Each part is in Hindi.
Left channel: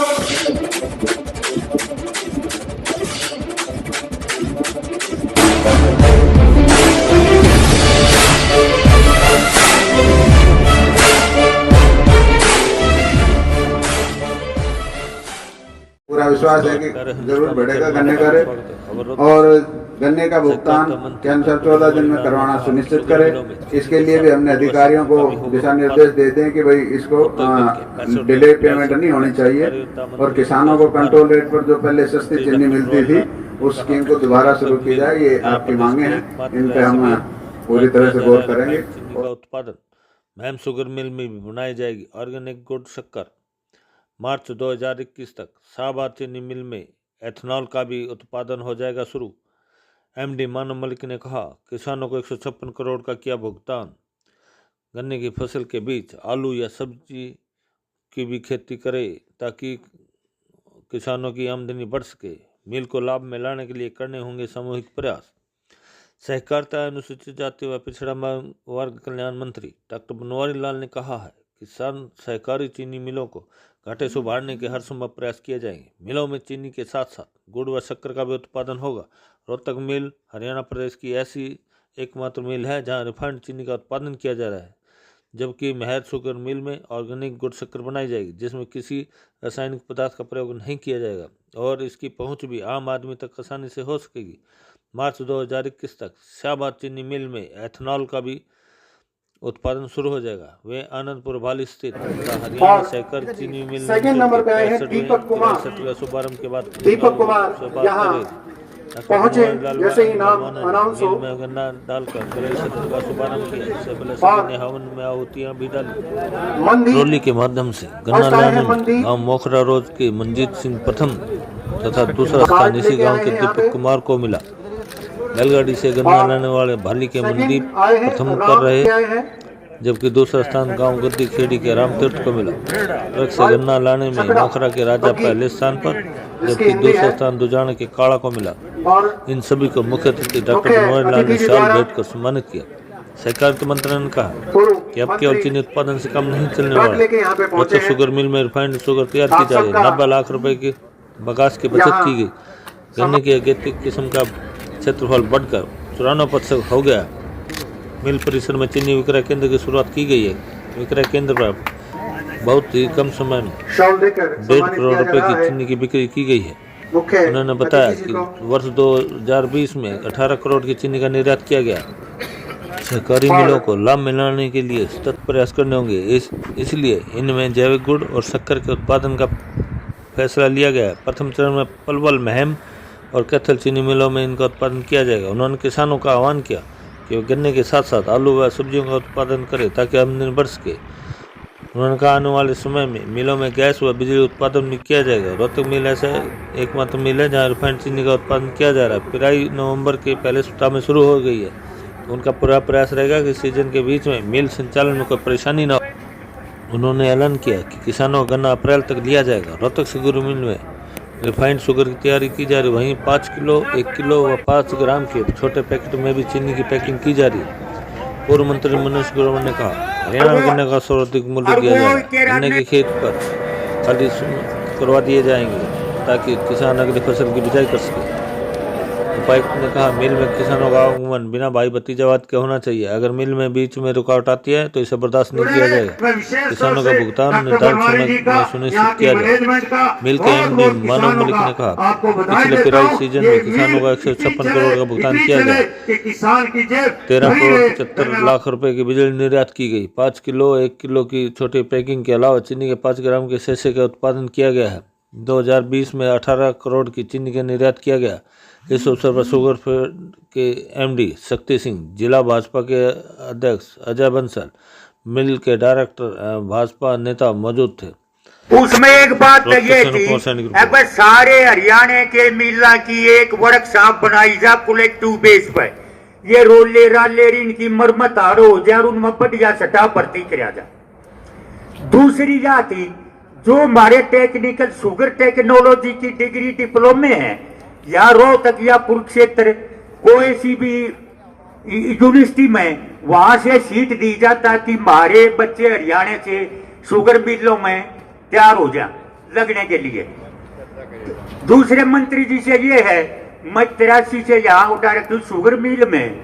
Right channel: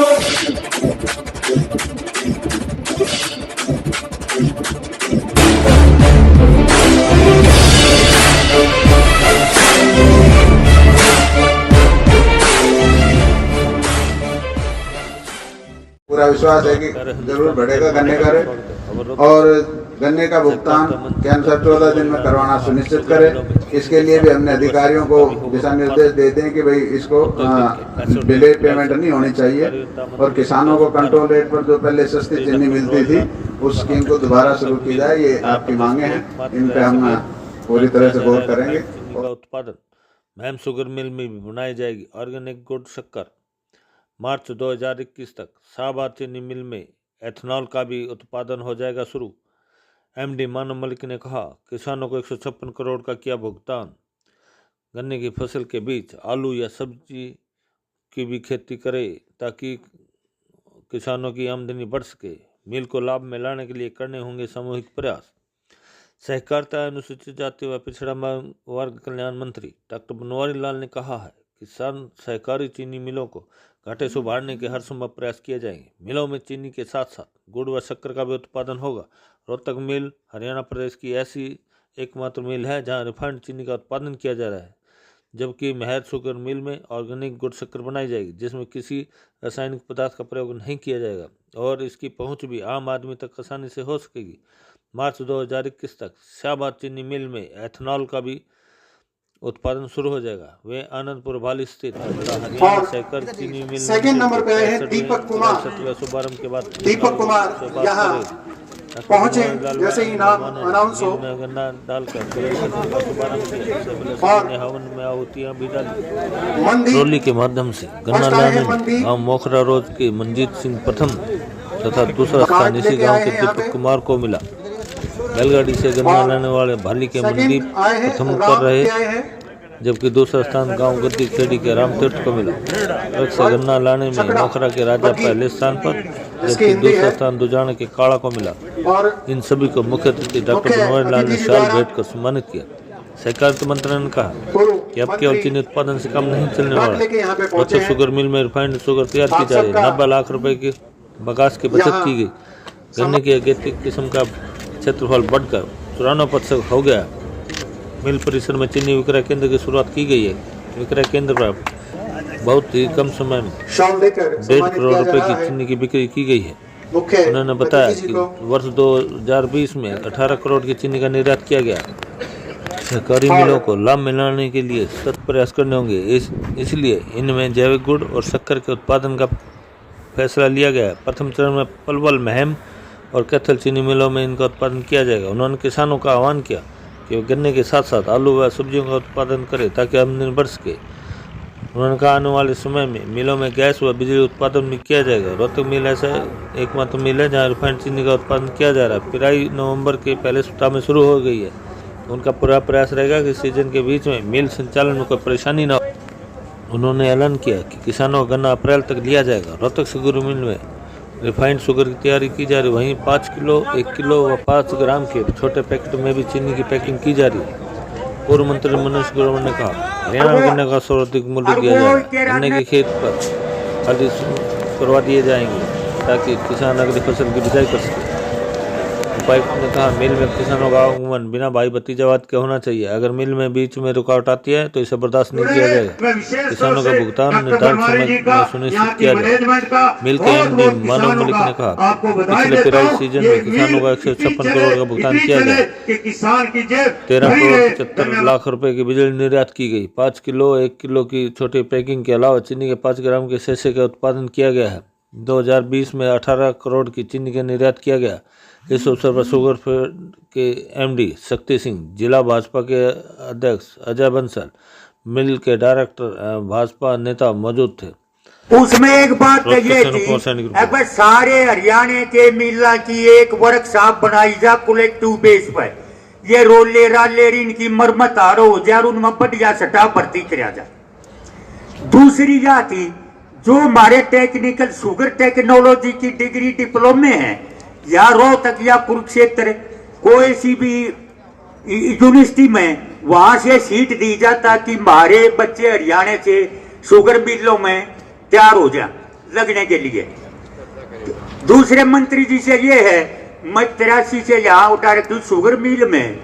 पूरा विश्वास है कि जरूर बढ़ेगा गन्ने का रेट और गन्ने का भुगतान के अनुसार 14 दिन में करवाना सुनिश्चित करें। इसके लिए भी हमने अधिकारियों को दिशा निर्देश देते हैं कि भाई इसको डिले पेमेंट नहीं होनी चाहिए और किसानों को कंट्रोल रेट पर जो पहले सस्ती चीनी मिलती थी उस स्कीम को दोबारा शुरू की जाए। ये आपकी मांगे हैं, इन पे हम पूरी तरह से गौर करेंगे। चीनी का उत्पादन महम शुगर मिल में भी बनाई जाएगी। ऑर्गेनिक गुड़ शक्कर मार्च 2021 तक शाहबाद चीनी मिल में एथनॉल का भी उत्पादन हो जाएगा शुरू। एमडी मानव मलिक ने कहा, किसानों को 156 करोड़ का किया भुगतान। गन्ने की फसल के बीच आलू या सब्जी की भी खेती करे ताकि किसानों की आमदनी बढ़ सके। मिल को लाभ में लाने के लिए करने होंगे सामूहिक प्रयास। सहकारिता अनुसूचित जाति व पिछड़ा वर्ग कल्याण मंत्री डॉक्टर बनवारी लाल ने कहा है, किसान सहकारी चीनी मिलों को घाटे से उभारने के हर संभव प्रयास किए जाएंगे। मिलों में चीनी के साथ साथ गुड़ व शक्कर का भी उत्पादन होगा। रोहतक मिल हरियाणा प्रदेश की ऐसी एकमात्र मिल है जहां रिफाइंड चीनी का उत्पादन किया जा रहा है, जबकि महर शुगर मिल में ऑर्गेनिक गुड़ शक्कर बनाई जाएगी जिसमें किसी रासायनिक पदार्थ का प्रयोग नहीं किया जाएगा और इसकी पहुंच भी आम आदमी तक आसानी से हो सकेगी। मार्च 2021 तक शाहबाद चीनी मिल में एथनॉल का भी उत्पादन शुरू हो जाएगा। वे आनंदपुर भाली स्थित हरियाणा सहकारी चीनी मिल सेकंड नंबर पे है दीपक कुमार। शुभारंभ के बाद दीपक कुमार यहाँ पहुंचे जैसे ही नाम अनाउंस हो गन्ना डालकर कलई सत्र का शुभारंभ किया। इससे पहले सभी ने हवन में आहुतियां भी डाली। ट्रॉली के माध्यम से गन्ना लाने में गाँव मोखरा रोड के मंजीत सिंह प्रथम तथा दूसरा स्थान इसी गाँव के दीपक कुमार को मिला। बैलगाड़ी से गन्ना लाने वाले भाली के मनदीप प्रथम कर रहे, जबकि दूसरा स्थान गांव गद्दी खेड़ी के रामतीर्थ को मिला। ट्रक से गन्ना लाने में मोखरा के राजा पहले स्थान पर, जबकि दूसरा स्थान दुजाना के काड़ा को मिला। इन सभी को मुख्य अतिथि डॉक्टर बनवारी लाल ने शाल भेंट कर सम्मानित किया। सहकारिता मंत्री ने कहा कि अब केवल चीनी उत्पादन से कम नहीं चलने वाला। रोहतक शुगर मिल में रिफाइंड शुगर तैयार की जा रही है। 90 लाख रुपए की बगास की बचत की गई। गन्ने की अगेतिक किस्म का क्षेत्रफल बढ़कर 94% हो गया। मिल परिसर में चीनी विक्रय केंद्र की शुरुआत की गई है। विक्रय केंद्र पर बहुत ही कम समय में 1.5 करोड़ रुपए की चीनी की बिक्री की गई है। उन्होंने बताया कि वर्ष 2020 में 18 करोड़ की चीनी का निर्यात किया गया। सहकारी मिलों को लाभ मिलाने के लिए सतत प्रयास करने होंगे, इसलिए इनमें जैविक गुड़ और शक्कर के उत्पादन का फैसला लिया गया। प्रथम चरण में पलवल, महम और कैथल चीनी मिलों में इनका उत्पादन किया जाएगा। उन्होंने किसानों का आह्वान किया कि वे गन्ने के साथ साथ आलू व सब्जियों का उत्पादन करें ताकि आमदनी बढ़ सके। उन्होंने कहा, आने वाले समय में मिलों में गैस व बिजली उत्पादन भी किया जाएगा। रोहतक मिल ऐसा एकमात्र मिल है जहां रिफाइंड चीनी का उत्पादन किया जा रहा है। पिराई नवंबर के पहले सप्ताह में शुरू हो गई है। उनका पूरा प्रयास रहेगा कि सीजन के बीच में मिल संचालन में कोई परेशानी न हो। उन्होंने ऐलान किया कि किसानों का गन्ना अप्रैल तक लिया जाएगा। रोहतक शुगर मिल में रिफाइंड शुगर की तैयारी की जा रही, वहीं 5 किलो, 1 किलो व 5 ग्राम के छोटे पैकेट में भी चीनी की पैकिंग की जा रही है। पूर्व मंत्री मनोज ग्रोवर ने कहा, हरियाणा में गन्ने का सर्वाधिक मूल्य दिया जा रहा है। गन्ने के खेत पर खाली करवा दिए जाएंगे ताकि किसान अगली फसल की बिजाई कर सके। उपायुक्त ने कहा, मिल में किसानों का आगमन बिना भाई भतीजावाद के होना चाहिए। अगर मिल में बीच में रुकावट आती है तो इसे बर्दाश्त नहीं किया जाएगा। किसानों का भुगतान निर्धारित समय में सुनिश्चित किया जाए। मिल के एमडी मानव मलिक ने कहा, पिछले पिराई सीजन में किसानों का 156 करोड़ का भुगतान किया गया। 13 करोड़ 75 लाख रुपए की बिजली निर्यात की गई। 5 किलो, 1 किलो की छोटी पैकिंग के अलावा चीनी के 5 ग्राम के शीशे का उत्पादन किया गया है। 2020 में 18 करोड़ की चीनी का निर्यात किया गया। इस अवसर पर शुगर के एमडी शक्ति सिंह, जिला भाजपा के अध्यक्ष अजय बंसल, मिल के डायरेक्टर भाजपा नेता मौजूद थे। उसमें एक बात ये थी, अगर सारे हरियाणा के मिला की एक वर्कशॉप बनाई जा कलेक्टिव बेस पर, ये रोले राले इनकी मरम्मत आरो हो जाए, उनमें बढ़िया सटा भर्ती करा जा। दूसरी जाति जो हमारे टेक्निकल शुगर टेक्नोलॉजी की डिग्री डिप्लोमे है, या रोहतक या कुरुक्षेत्र कोई सी भी यूनिवर्सिटी में वहां से सीट दी जाता कि हमारे बच्चे हरियाणा से शुगर मिलों में तैयार हो जाए। लगने के लिए। दूसरे मंत्री जी से ये है, मैं 83 से यहाँ उठा रखी शुगर मिल में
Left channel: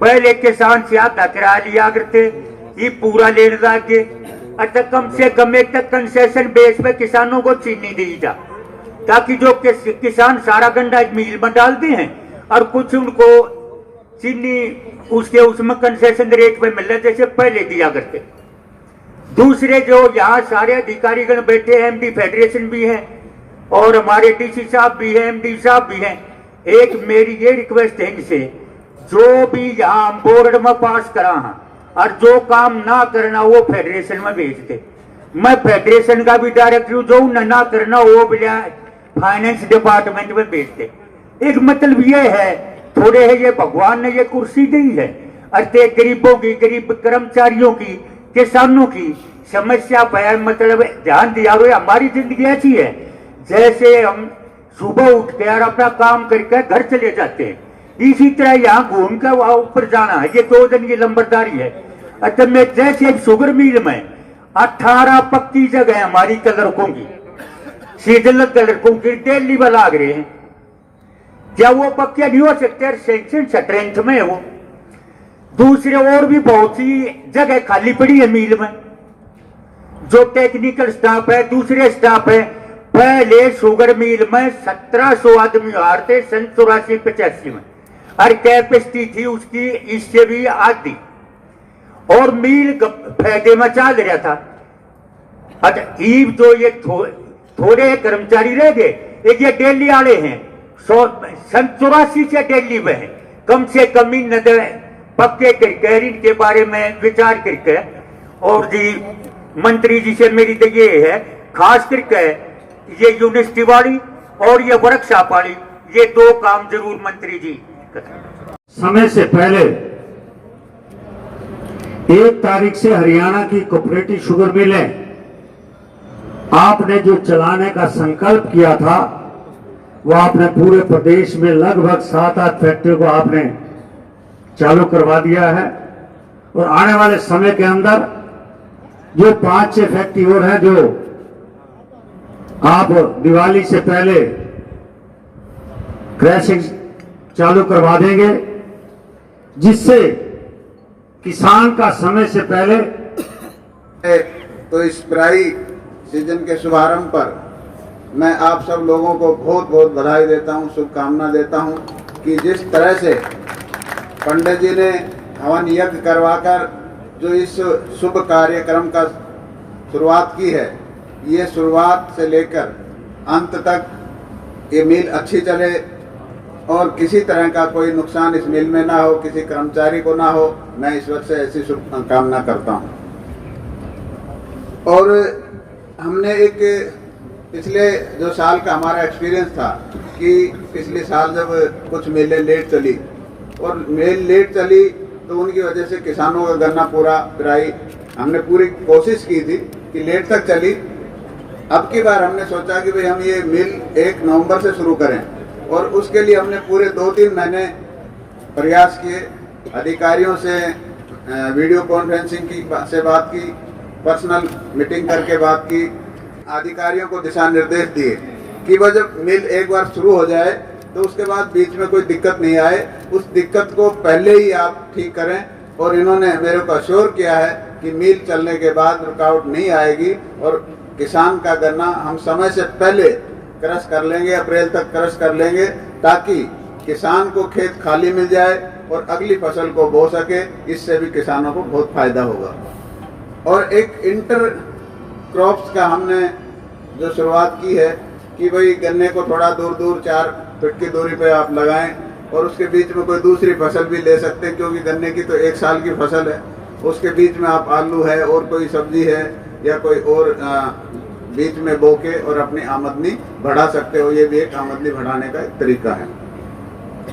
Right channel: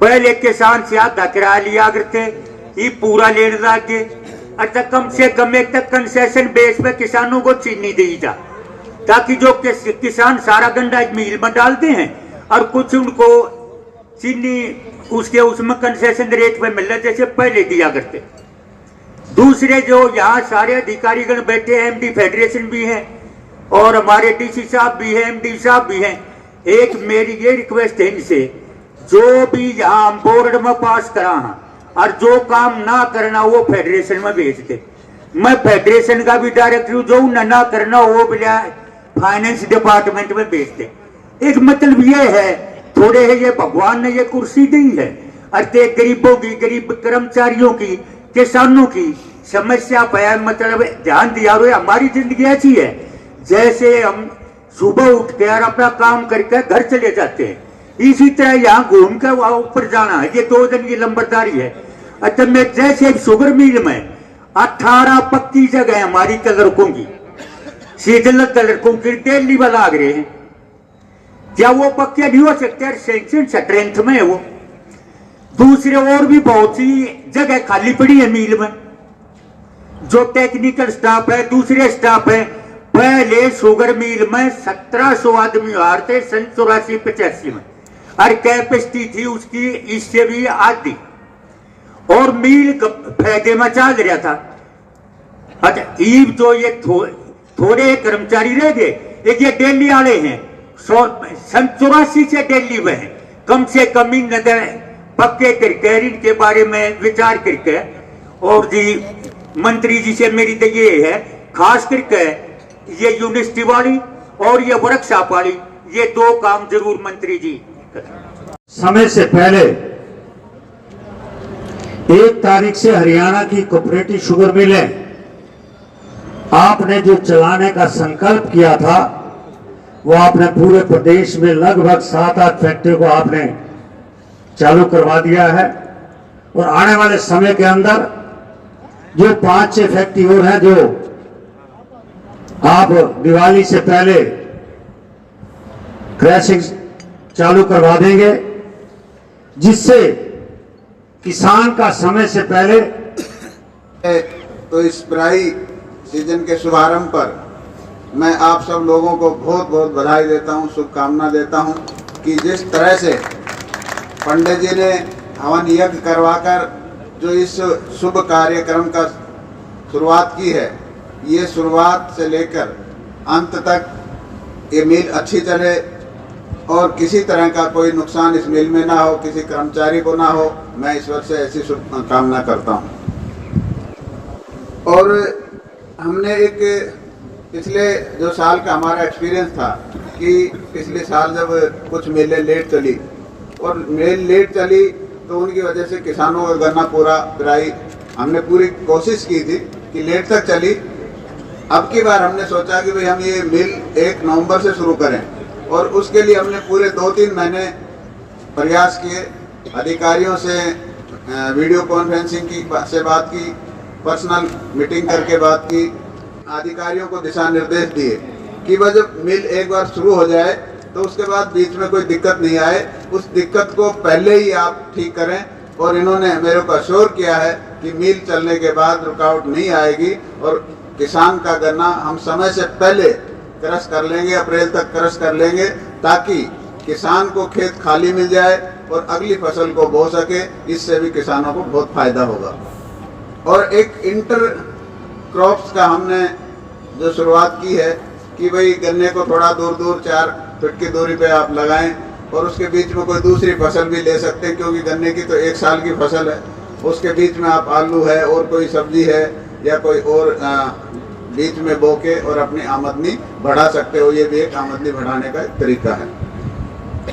पहले किसान से आधा किराया लिया करते, ये पूरा लेने लगे। अच्छा, कम से कम एक तक कंसेशन बेस पे किसानों को चीनी दी जा, ताकि जो किसान सारा गंडा एक मिल में डालते हैं और कुछ उनको चीनी उसमें कंसेशन रेट पे मिलने जैसे पहले दिया करते। दूसरे जो यहाँ सारे अधिकारीगण बैठे हैं, एमडी फेडरेशन भी है और हमारे डीसी साहब भी हैं, एमडी साहब भी हैं, एक मेरी ये रिक्वेस्ट है इनसे, जो भी यहाँ बोर्ड में पास कराना और जो काम ना करना वो फेडरेशन में भेज दे। मैं फेडरेशन का भी डायरेक्टर हूँ, जो ना करना वो बिना फाइनेंस डिपार्टमेंट में भेज दे। एक मतलब ये है, थोड़े है ये भगवान ने ये कुर्सी दी है, अरे गरीबों की, गरीब कर्मचारियों की, किसानों की समस्या पर मतलब ध्यान दिया हुए। हमारी जिंदगी ऐसी है जैसे हम सुबह उठ के और अपना काम करके घर चले जाते हैं, इसी तरह यहाँ घूम के वहां ऊपर जाना है, ये 2 दिन की लंबरदारी है। अच्छा, मैं जैसे एक शुगर मिल में 18 पक्की जगह हमारी कलरकों की, सीजनल कलरकों की डेली बना रहे हैं, क्या वो पक्के नहीं हो सकते? सेंक्शन स्ट्रेंथ में है वो। दूसरे और भी बहुत सी जगह खाली पड़ी है मिल में, जो टेक्निकल स्टाफ है, दूसरे स्टाफ है। पहले शुगर मिल में 1700 आदमी आ थे सन 84-85 में, और कैपेसिटी थी उसकी इससे भी आधी, और मिल फायदे में चल रहा था। अच्छा, ईब जो ये थोड़े कर्मचारी रह गए, एक ये दिल्ली वाले हैं, सन 84 से दिल्ली में है, कम से कम इन पक्के करके इनके बारे में विचार करके। और जी मंत्री जी से मेरी तो ये है, खास करके ये यूनिवर्सिटी वाली और ये वर्कशॉप वाली, ये 2 काम जरूर मंत्री जी। समय से पहले 1 तारीख से हरियाणा की कोऑपरेटिव शुगर मिलें आपने जो चलाने का संकल्प किया था, वो आपने पूरे प्रदेश में लगभग 7-8 फैक्ट्रियों को आपने चालू करवा दिया है। और आने वाले समय के अंदर जो 5-6 फैक्ट्री और हैं, जो आप दिवाली से पहले क्रैशिंग चालू करवा देंगे, जिससे किसान का समय से पहले। तो इस पिराई सीजन के शुभारंभ पर मैं आप सब लोगों को बहुत बहुत बधाई देता हूं, शुभकामना देता हूं कि जिस तरह से पंडित जी ने हवन यज्ञ करवाकर जो इस शुभ कार्यक्रम का शुरुआत की है, ये शुरुआत से लेकर अंत तक ये मिल अच्छी चले और किसी तरह का कोई नुकसान इस मिल में ना हो, किसी कर्मचारी को ना हो, मैं ईश्वर से ऐसी शुभकामना करता हूँ। और हमने एक पिछले जो साल का हमारा एक्सपीरियंस था कि पिछले साल जब कुछ मिलें लेट चली और मिल लेट चली तो उनकी वजह से किसानों का गन्ना पूरा पिराई हमने पूरी कोशिश की थी कि लेट तक चली। अब की बार हमने सोचा कि भाई हम ये मिल 1 नवंबर से शुरू करें और उसके लिए हमने पूरे 2-3 महीने प्रयास किए, अधिकारियों से वीडियो कॉन्फ्रेंसिंग से बात की, पर्सनल मीटिंग करके बात की, अधिकारियों को दिशा निर्देश दिए कि भाई जब मिल एक बार शुरू हो जाए तो उसके बाद बीच में कोई दिक्कत नहीं आए, उस दिक्कत को पहले ही आप ठीक करें। और इन्होंने मेरे को अश्योर किया है कि मिल चलने के बाद रुकावट नहीं आएगी और किसान का गन्ना हम समय से पहले क्रश कर लेंगे, अप्रैल तक क्रश कर लेंगे, ताकि किसान को खेत खाली मिल जाए और अगली फसल को बो सके। इससे भी किसानों को बहुत फायदा होगा। और एक इंटर क्रॉप्स का हमने जो शुरुआत की है कि भाई गन्ने को थोड़ा दूर दूर 4 फीट की दूरी पे आप लगाएं और उसके बीच में कोई दूसरी फसल भी ले सकते हैं, क्योंकि गन्ने की तो 1 साल की फसल है, उसके बीच में आप आलू है और कोई सब्जी है या कोई और बीच में बो के और अपनी आमदनी बढ़ा सकते हो। ये भी एक आमदनी बढ़ाने का एक तरीका है।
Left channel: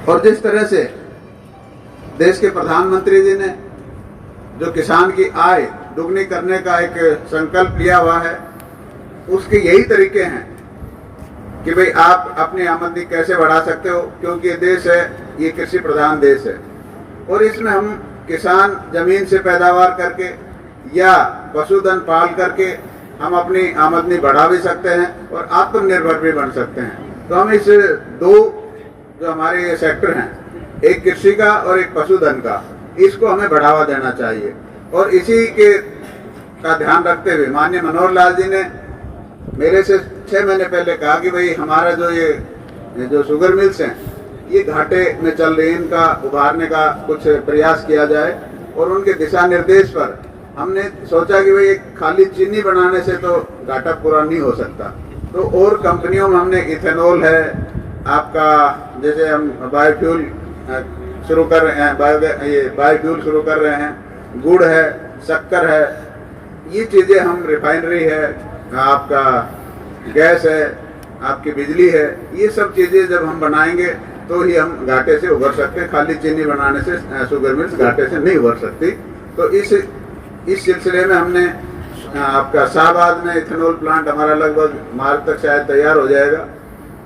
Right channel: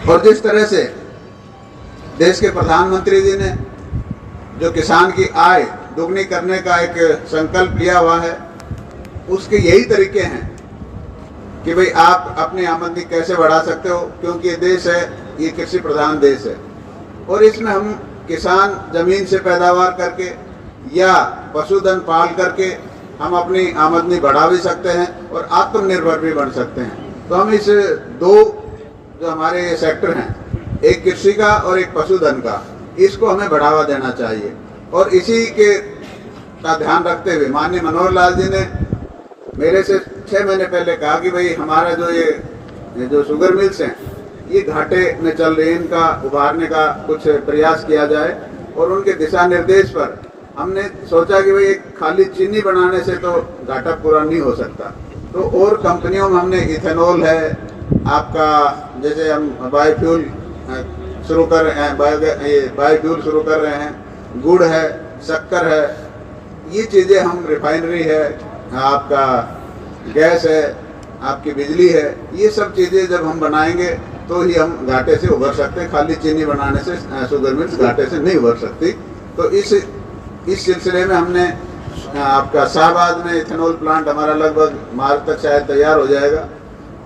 और जिस तरह से देश के प्रधानमंत्री जी ने जो किसान की आय दुगनी करने का एक संकल्प लिया हुआ है, उसके यही तरीके हैं कि भाई आप अपनी आमदनी कैसे बढ़ा सकते हो, क्योंकि ये देश है, ये कृषि प्रधान देश है और इसमें हम किसान जमीन से पैदावार करके या पशुधन पाल करके हम अपनी आमदनी बढ़ा भी सकते हैं और आत्मनिर्भर भी बन सकते हैं। तो हम इस दो जो हमारे ये सेक्टर हैं, एक कृषि का और एक पशुधन का, इसको हमें बढ़ावा देना चाहिए। और इसी के का ध्यान रखते हुए माननीय मनोहर लाल जी ने मेरे से 6 महीने पहले कहा कि भाई हमारा जो शुगर मिल्स हैं ये घाटे में चल रही है, इनका उभारने का कुछ प्रयास किया जाए। और उनके दिशा निर्देश पर हमने सोचा कि भाई एक खाली चीनी बनाने से तो घाटा पूरा नहीं हो सकता, तो और कंपनियों में हमने इथेनॉल है, आपका जैसे हम बायोफ्यूल शुरू कर रहे हैं, बायोफ्यूल शुरू कर रहे हैं, गुड़ है, शक्कर है, ये चीज़ें हम रिफाइनरी है, आपका गैस है, आपकी बिजली है, ये सब चीज़ें जब हम बनाएंगे तो ही हम घाटे से उभर सकते हैं। खाली चीनी बनाने से शुगर मिल्स घाटे से नहीं उभर सकती। तो इस सिलसिले में हमने आपका शाहबाद में इथेनॉल प्लांट हमारा लगभग मार्च तक शायद तैयार हो जाएगा।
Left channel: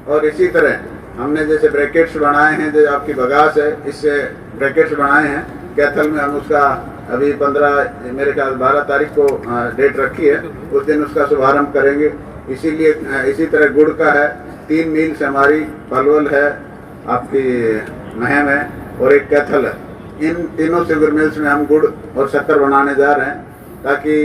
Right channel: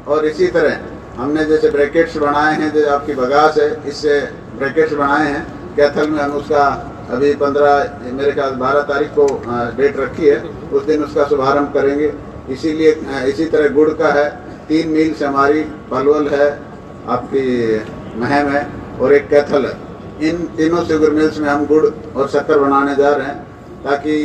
और इसी तरह हमने जैसे ब्रैकेट्स बनाए हैं, जो आपकी बगास है, इससे ब्रैकेट्स बनाए हैं। कैथल में हम उसका अभी 15 मेरे ख्याल 12 तारीख को डेट रखी है, उस दिन उसका शुभारंभ करेंगे। इसीलिए इसी तरह गुड़ का है, 3 मिल्स हमारी, पलवल है, आपकी महम है और एक कैथल है। इन तीनों शुगर मिल्स में हम गुड़ और शक्कर बनाने जा रहे हैं, ताकि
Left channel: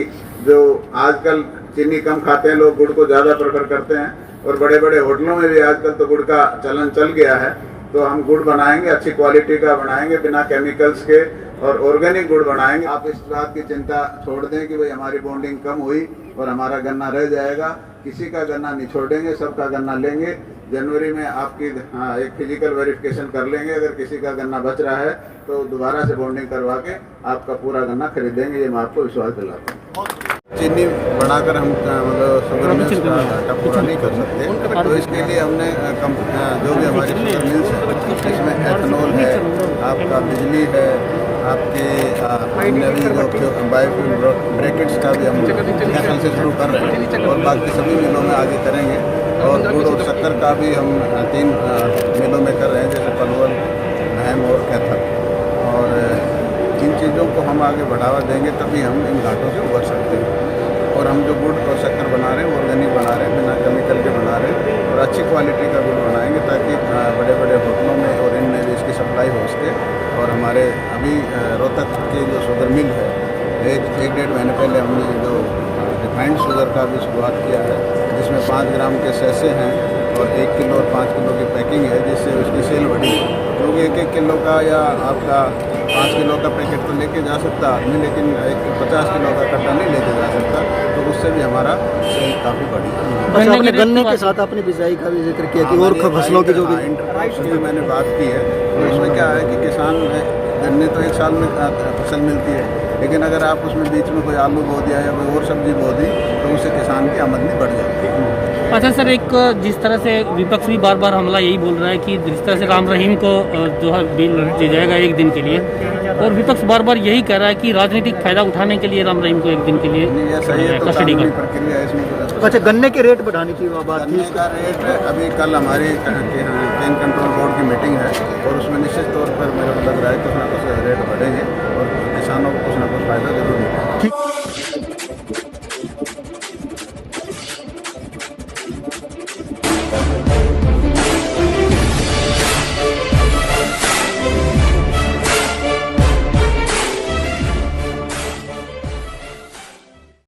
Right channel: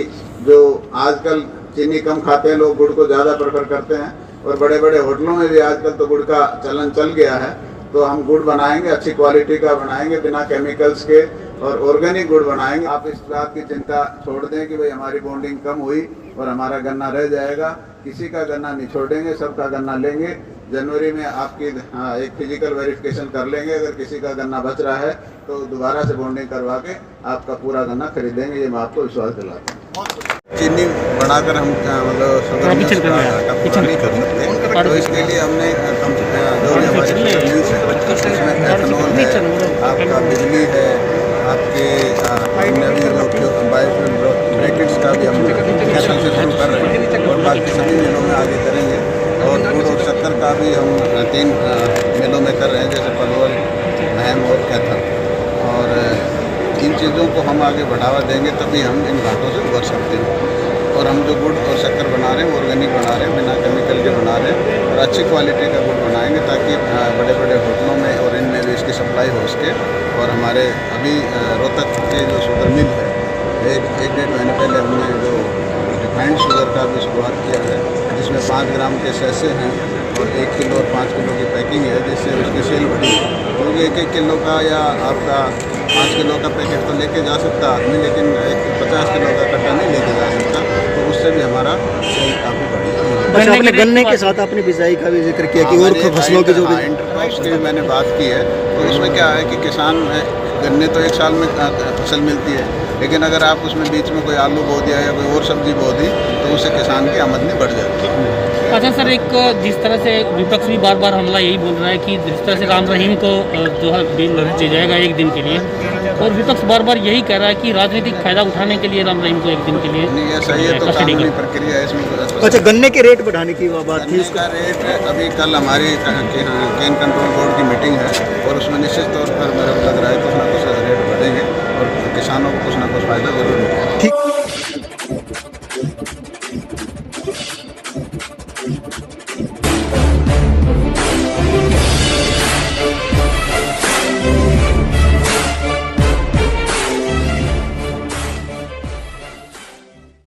जो आजकल चीनी कम खाते हैं लोग गुड़ को ज़्यादा प्रेफर करते हैं, और बड़े बड़े होटलों में भी आजकल तो गुड़ का चलन चल गया है। तो हम गुड़ बनाएंगे, अच्छी क्वालिटी का बनाएंगे, बिना केमिकल्स के, और ऑर्गेनिक गुड़ बनाएंगे। आप इस बात की चिंता छोड़ दें कि भाई हमारी बॉन्डिंग कम हुई और हमारा गन्ना रह जाएगा। किसी का गन्ना नहीं छोड़ेंगे, सबका गन्ना लेंगे। जनवरी में आपकी एक फिजिकल वेरिफिकेशन कर लेंगे, अगर किसी का गन्ना बच रहा है तो दोबारा से बॉन्डिंग करवा के आपका पूरा गन्ना खरीदेंगे, ये मैं आपको विश्वास दिलाता हूँ। चीनी बढ़ाकर हम मतलब शुगर मिल्स का घाटा पूरा नहीं कर सकते, तो इसके लिए हमने जो भी हमारे शुगर मिल्स हैं इसमें एथेनॉल है, आपका बिजली है, आपके जो बायोफ्यूल ब्रैकेट्स का भी हम कैथल से शुरू कर रहे हैं और बाकी सभी मिलों में आगे करेंगे। और गुड़ और शक्कर का भी हम 3 मिलों में कर रहे हैं, जैसे पलवल, महम और कैथल। और इन चीज़ों को हम आगे बढ़ावा देंगे तभी हम इन घाटों से उभर सकते हैं। और हम जो गुड़ और शक्कर बना रहे हैं ऑर्गेनिक बना रहे हैं, बिना केमिकल के बना रहे हैं, और अच्छी क्वालिटी का गुड़ बनाएंगे ताकि बड़े बड़े होटलों में और इनमें भी इसकी सप्लाई हो सके। और हमारे अभी रोहतक के जो शुगर मिल है, एक 1.5 महीने पहले हमने जो रिफाइंड शुगर का भी शुरुआत किया है, जिसमें 5 ग्राम के सैसे हैं और 1 किलो और 5 किलो की पैकिंग है, जिससे उसकी सेल बढ़ी। क्योंकि 1-1 किलो का या आपका 5 किलो का पैकेट तो लेके जा सकता आदमी, लेकिन 50 किलो का कट्टा नहीं लेके जा सकता, तो उससे भी हमारा सेल काफ़ी बढ़ी। आपने गन्ने के साथ अपनी बिजाई का भी जिक्र किया कि और फसलों की जो इंटरक्रॉप्स की मैंने बात की है, तो उसमें क्या है कि किसान गन्ने तो 1 साल में फसल मिलती है, लेकिन अगर आप उसमें बीच में कोई आलू बो दिया या कोई और सब्जी बो दी तो उससे किसान की आमदनी बढ़ जाती है। अच्छा सर, एक जिस तरह से विपक्ष भी बार बार हमला यही बोल रहा है कि जिस तरह से राम रहीम को जो है दिया जाएगा 1 दिन के लिए, और विपक्ष बार बार यही कह रहा है कि राजनीतिक फायदा उठाने के लिए राम रहीम को 1 दिन के लिए नहीं, ये सही है, तो कानूनी प्रक्रिया है इसमें। अच्छा, गन्ने के रेट बढ़ाने की बात थी। गन्ने का रेट अभी कल हमारी केन कंट्रोल बोर्ड की मीटिंग है और उसमें निश्चित तौर पर मेरे को लग रहा है कुछ ना कुछ रेट बढ़ेंगे और किसानों को कुछ ना कुछ फायदा जरूर मिलेगा। ठीक।